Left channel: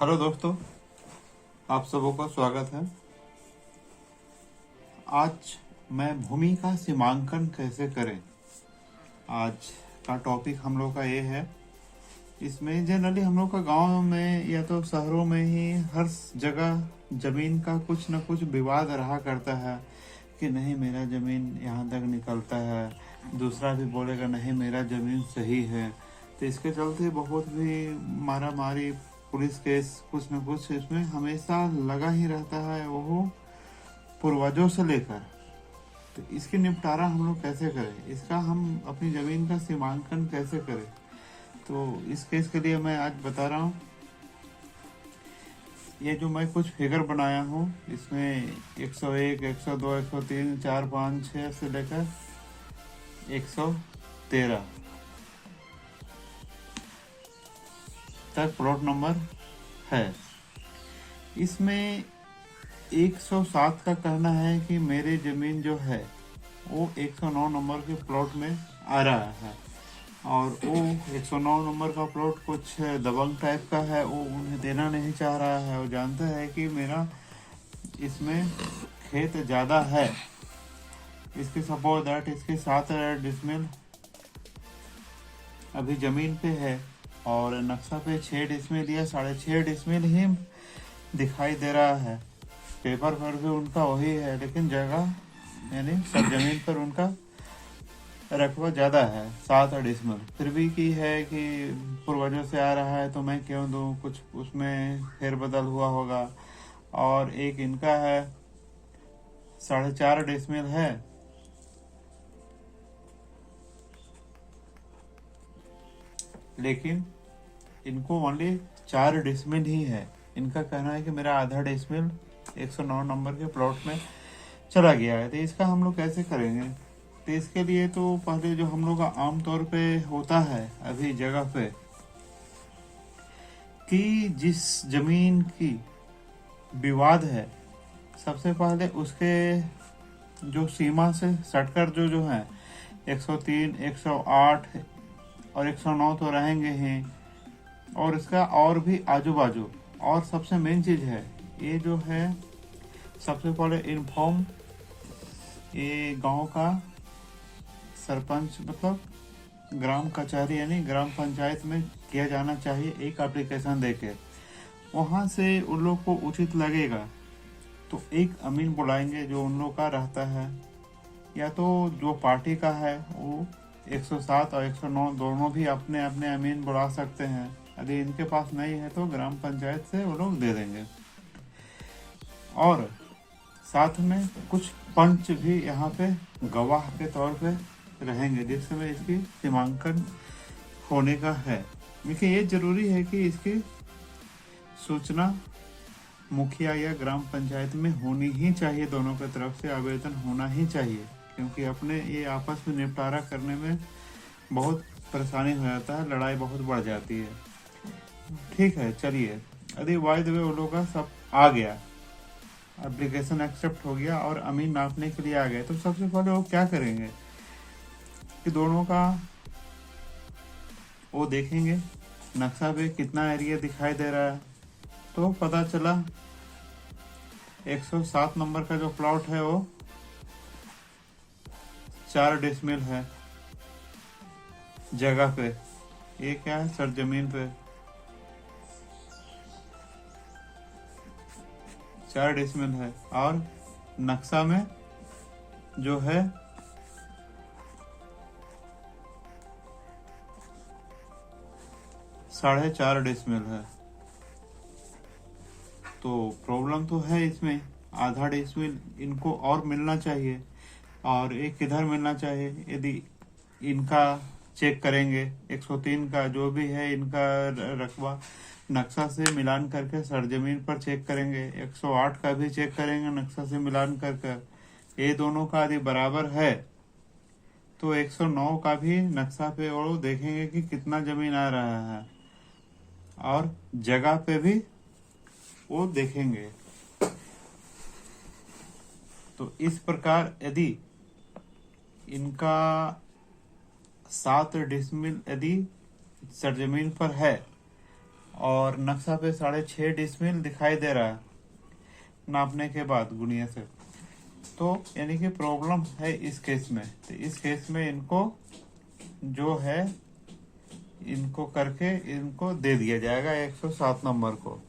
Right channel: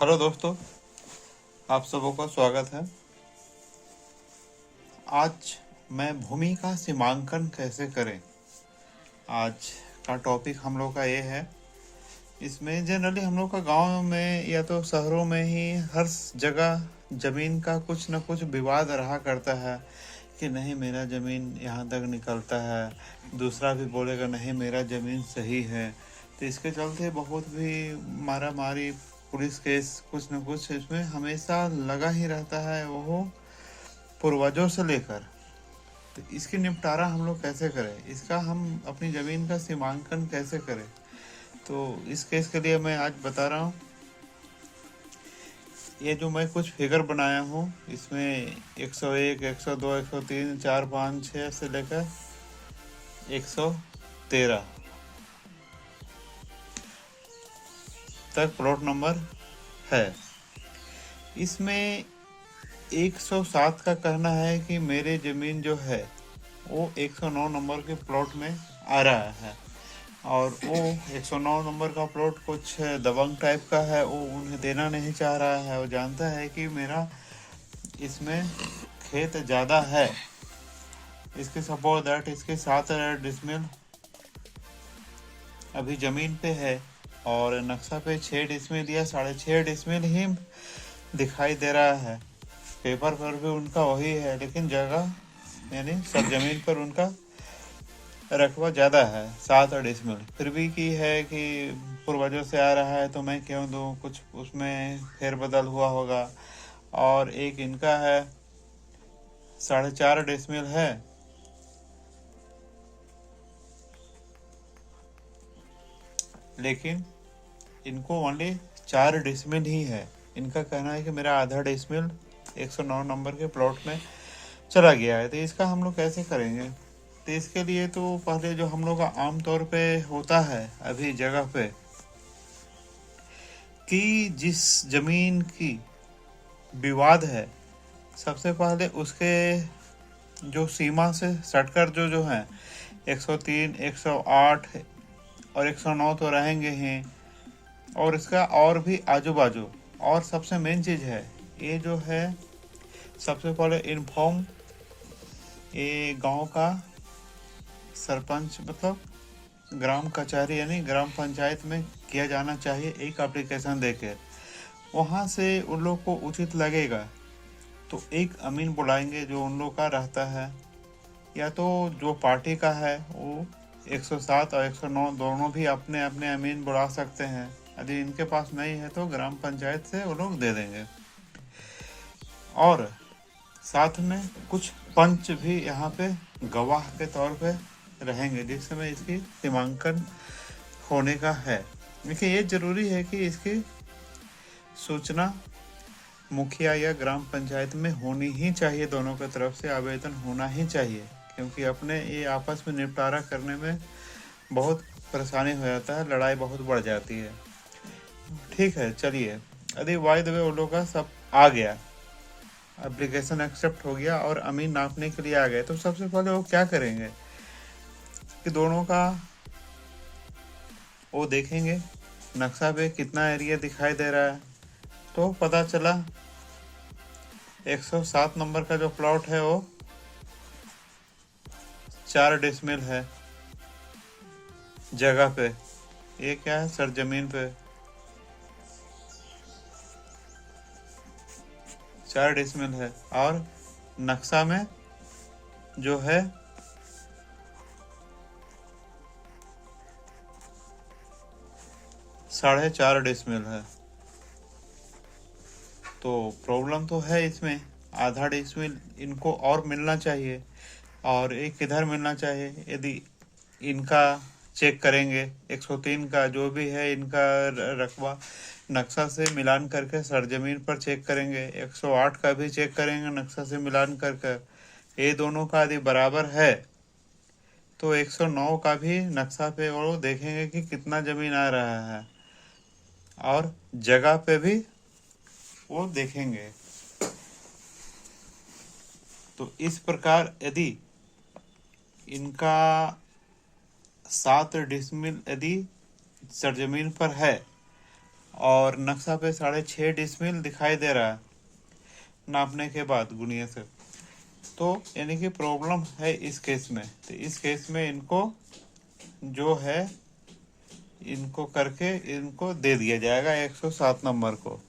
Hello दोस्तों, आप सबों का स्वागत है। आज मैं भूमि का सीमांकन कैसे करें, आज का टॉपिक हम लोग का ये है। इसमें जनरली हम लोग का गांव में या तो शहरों में ही हर जगह ज़मीन का कुछ न कुछ विवाद रहा करता है कि नहीं मेरा ज़मीन यहाँ तक निकलता है, दूसरा भी बोलेगा नहीं मेरा ज़मीन सही है। तो इसके चलते बहुत भी मारा मारी, पुलिस केस कुछ न कुछ इसमें हमेशा लगा ही रहता है, वो पूर्वजों से लेकर। तो इसकी निपटारा हम लोग कैसे करें, इसका हम अपनी ज़मीन का सीमांकन कैसे करें। तो इस केस के लिए मैं आज बता रहा हूँ। ये जो मैं कुछ फिगर बनाया हूँ इसमें 101, 102, 103, 4, 5, 6 से लेकर 113 तक प्लॉट नंबर है। इसमें 107 का कहना है कि मेरे ज़मीन जो है वो 109 नंबर के प्लॉट में आ रहा है, और वो 109 नंबर का प्लॉट कुछ दबंग टाइप का है, वो उन्हें देना नहीं चाह रहा है। वो जानता है कि मेरा इसमें खेत ज़्यादा है। इसके सपोज दैट इसके 7 डिसमिल अभी ज़मीन पे है, और नक्शा पे 6 डिसमिल या 6.5 डिसमिल ही दिखाई दे रहा है। पेपर पर भी उनका वही है, लेकिन जगह यानी सब ज़मीन पर उनका रकबा ज़्यादा है, 7 डिसमिल। फिर भी की है कि पूर्वजों से आ रहा है तो मैं क्यों दूँ, कुछ उसमें फेरबदल हुआ होगा। और एक इनका है 4.5 डिसमिल है, लेकिन इनको ओनली 4 डिसमिल ही है। इनका कहना है कि मेरा आधा डिसमिल 109 नंबर के प्लॉट में चला गया है। तो इसका हम लोग कैसे करेंगे। तो इसके लिए तो पहले जो हम लोग का आम तौर पे होता है अभी जगह पे, कि जिस जमीन की विवाद है सबसे पहले उसके जो सीमा से सटकर जो है 103, 108 और 109 तो रहेंगे ही, और इसका और भी आजू बाजू। और सबसे मेन चीज़ है ये जो है, सबसे पहले इन्फॉर्म ये गांव का सरपंच मतलब ग्राम कचहरी यानी ग्राम पंचायत में किया जाना चाहिए, एक एप्लीकेशन देके। वहाँ से उन लोग को उचित लगेगा तो एक अमीन बुलाएंगे जो उन लोग का रहता है, या तो जो पार्टी का है वो 107 और 109 दोनों भी अपने अपने अमीन बुला सकते हैं। यदि इनके पास नहीं है तो ग्राम पंचायत से वो लोग दे देंगे। और साथ में कुछ पंच भी यहाँ पे गवाह के तौर पे रहेंगे जिस समय इसकी सीमांकन होने का है। देखिए ये जरूरी है कि इसकी सूचना मुखिया या ग्राम पंचायत में होनी ही चाहिए, दोनों की तरफ से आवेदन होना ही चाहिए, क्योंकि अपने ये आपस में निपटारा करने में बहुत परेशानी हो जाता है, लड़ाई बहुत बढ़ जाती है। ठीक है, चलिए। यदि वाई द वे वो लोग का सब आ गया, एप्लीकेशन एक्सेप्ट हो गया और अमीन नापने के लिए आ गए, तो सबसे पहले वो क्या करेंगे कि दोनों का वो देखेंगे नक्शा पे कितना एरिया दिखाई दे रहा है। तो पता चला 107 नंबर का जो प्लॉट है वो 4 डिसमिल है जगह पे। ये क्या है, सरजमीन पे 4 डिसमिल है, और नक्शा में जो है 4.5 डिसमिल है। तो प्रॉब्लम तो है इसमें, आधा डिसमिल इनको और मिलना चाहिए, और एक किधर मिलना चाहिए। यदि इनका चेक करेंगे 103 का जो भी है इनका रकबा, नक्शा से मिलान करके सरजमीन पर चेक करेंगे, 108 का भी चेक करेंगे नक्शा से मिलान करके। ये दोनों का यदि बराबर है तो 109 का भी नक्शा पे वो देखेंगे कि कितना जमीन आ रहा है, और जगह पे भी वो देखेंगे। तो इस प्रकार यदि इनका 7 डिसमिल यदि सरजमीन पर है और नक्शा पे 6.5 डिसमिल दिखाई दे रहा है नापने के बाद गुणिया से। तो यानी कि प्रॉब्लम है इस केस में। तो इस केस में इनको जो है इनको करके इनको दे दिया जाएगा 107 नंबर को,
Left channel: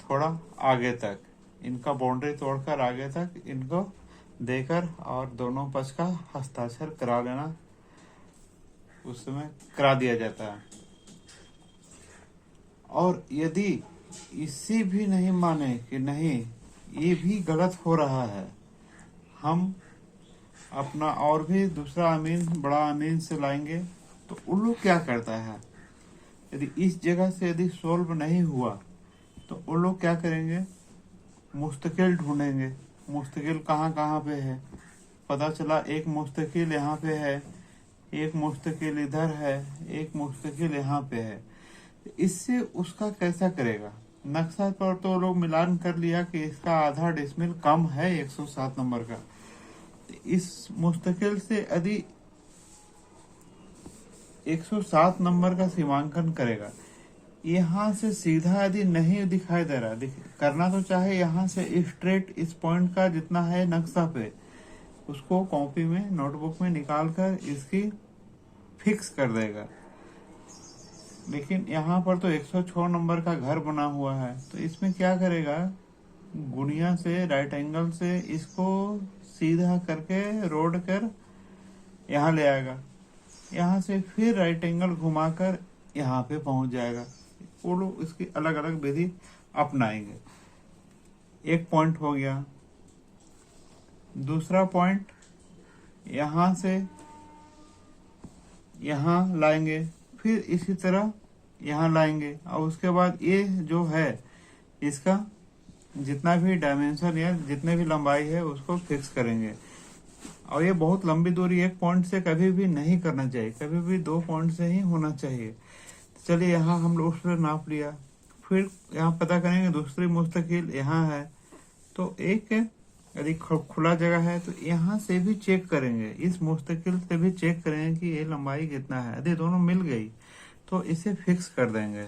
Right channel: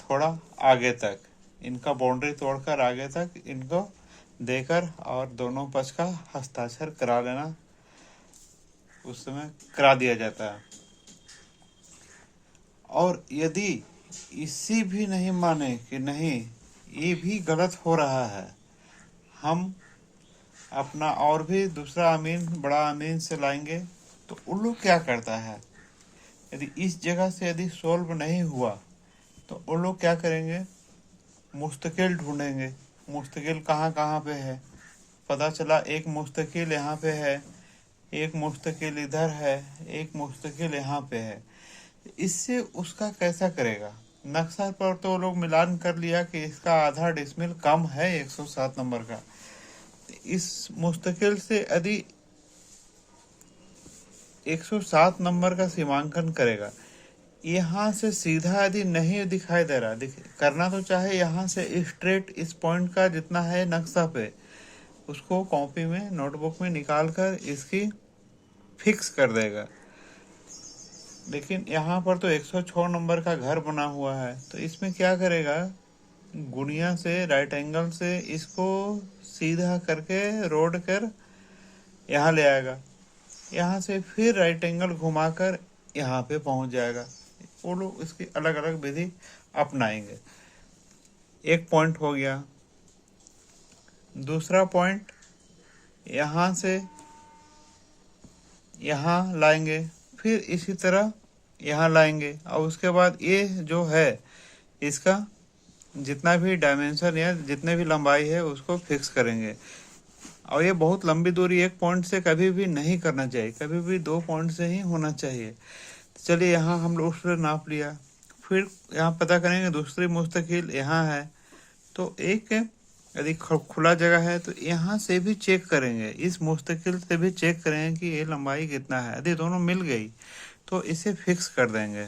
थोड़ा आगे तक इनका बाउंड्री तोड़कर आगे तक इनको देकर और दोनों पक्ष का हस्ताक्षर करा लेना, उस समय करा दिया जाता है। और यदि इसी भी नहीं माने कि नहीं ये भी गलत हो रहा है, हम अपना और भी दूसरा अमीन बड़ा अमीन से लाएंगे। तो उन लोग क्या करता है, यदि इस जगह से यदि सॉल्व नहीं हुआ तो वो लोग क्या करेंगे, मुस्तकिल ढूंढेंगे। मुस्तकिल कहाँ कहाँ पे है, पता चला एक मुस्तकिल यहाँ पे है, एक मुस्तकिल इधर है, एक मुस्तकिल यहाँ पे है। इससे उसका कैसा करेगा, नक्शा पर तो लोग मिलान कर लिया कि इसका आधा डिसमिल कम है 107 नंबर का। इस मुस्तकिल से यदि 107 नंबर का सीमांकन करेगा, यहाँ से सीधा यदि नहीं दिखाई दे रहा, करना तो चाहे यहाँ से स्ट्रेट इस पॉइंट का जितना है नक्शा पे, उसको कॉपी में नोटबुक में निकाल कर इसकी फिक्स कर देगा। लेकिन यहाँ पर तो 106 नंबर का घर बना हुआ है, तो इसमें क्या करेगा, गुणिया से राइट एंगल से इसको सीधा करके रोड कर यहाँ ले आएगा, यहाँ से फिर राइट एंगल घुमाकर यहाँ पे पहुँच जाएगा। वो लोग इसकी अलग अलग विधि अपनाएंगे। एक पॉइंट हो गया। दूसरा पॉइंट यहाँ से यहाँ लाएंगे, फिर इसी तरह यहाँ लाएंगे, और उसके बाद ये जो है इसका जितना भी डायमेंशन या जितने भी लंबाई है उसको फिक्स करेंगे। और ये बहुत लंबी दूरी एक पॉइंट से कभी भी नहीं करना चाहिए, कभी भी 2 पॉइंट से ही होना चाहिए। चलिए यहाँ हम लोग उसने नाप लिया, फिर यहाँ पता करेंगे दूसरी मुस्तकिल यहाँ है, तो एक यदि खुला जगह है तो यहाँ से भी चेक करेंगे, इस मुस्तकिल से भी चेक करेंगे कि ये लंबाई कितना है। यदि दोनों मिल गई तो इसे फिक्स कर देंगे।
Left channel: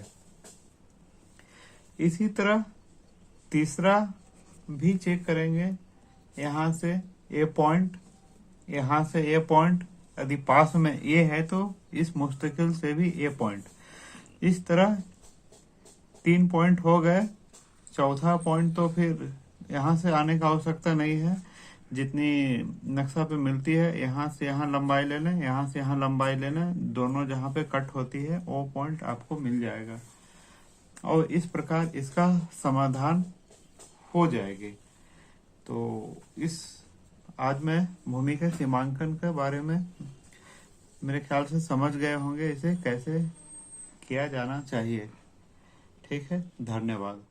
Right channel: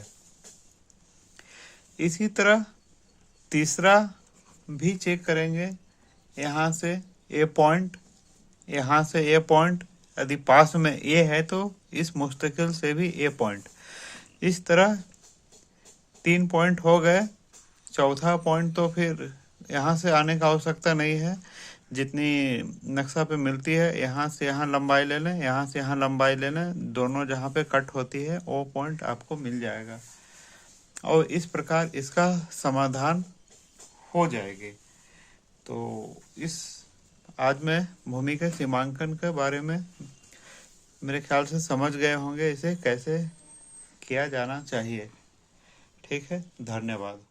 इसी तरह तीसरा भी चेक करेंगे, यहाँ से ये पॉइंट, यहाँ से ये पॉइंट, यदि पास में ये है तो इस मुस्तकिल से भी ये पॉइंट। इस तरह 3 पॉइंट हो गए। चौथा पॉइंट तो फिर यहाँ से आने का आवश्यकता नहीं है, जितनी नक्शा पे मिलती है यहाँ से यहाँ लंबाई ले लें, यहाँ से यहाँ लंबाई ले लें, दोनों जहाँ पे कट होती है वो पॉइंट आपको मिल जाएगा, और इस प्रकार इसका समाधान हो जाएगी। तो इस आज मैं भूमि के सीमांकन के बारे में मेरे ख्याल से समझ गए होंगे, इसे कैसे किया जाना चाहिए। ठीक है, धन्यवाद।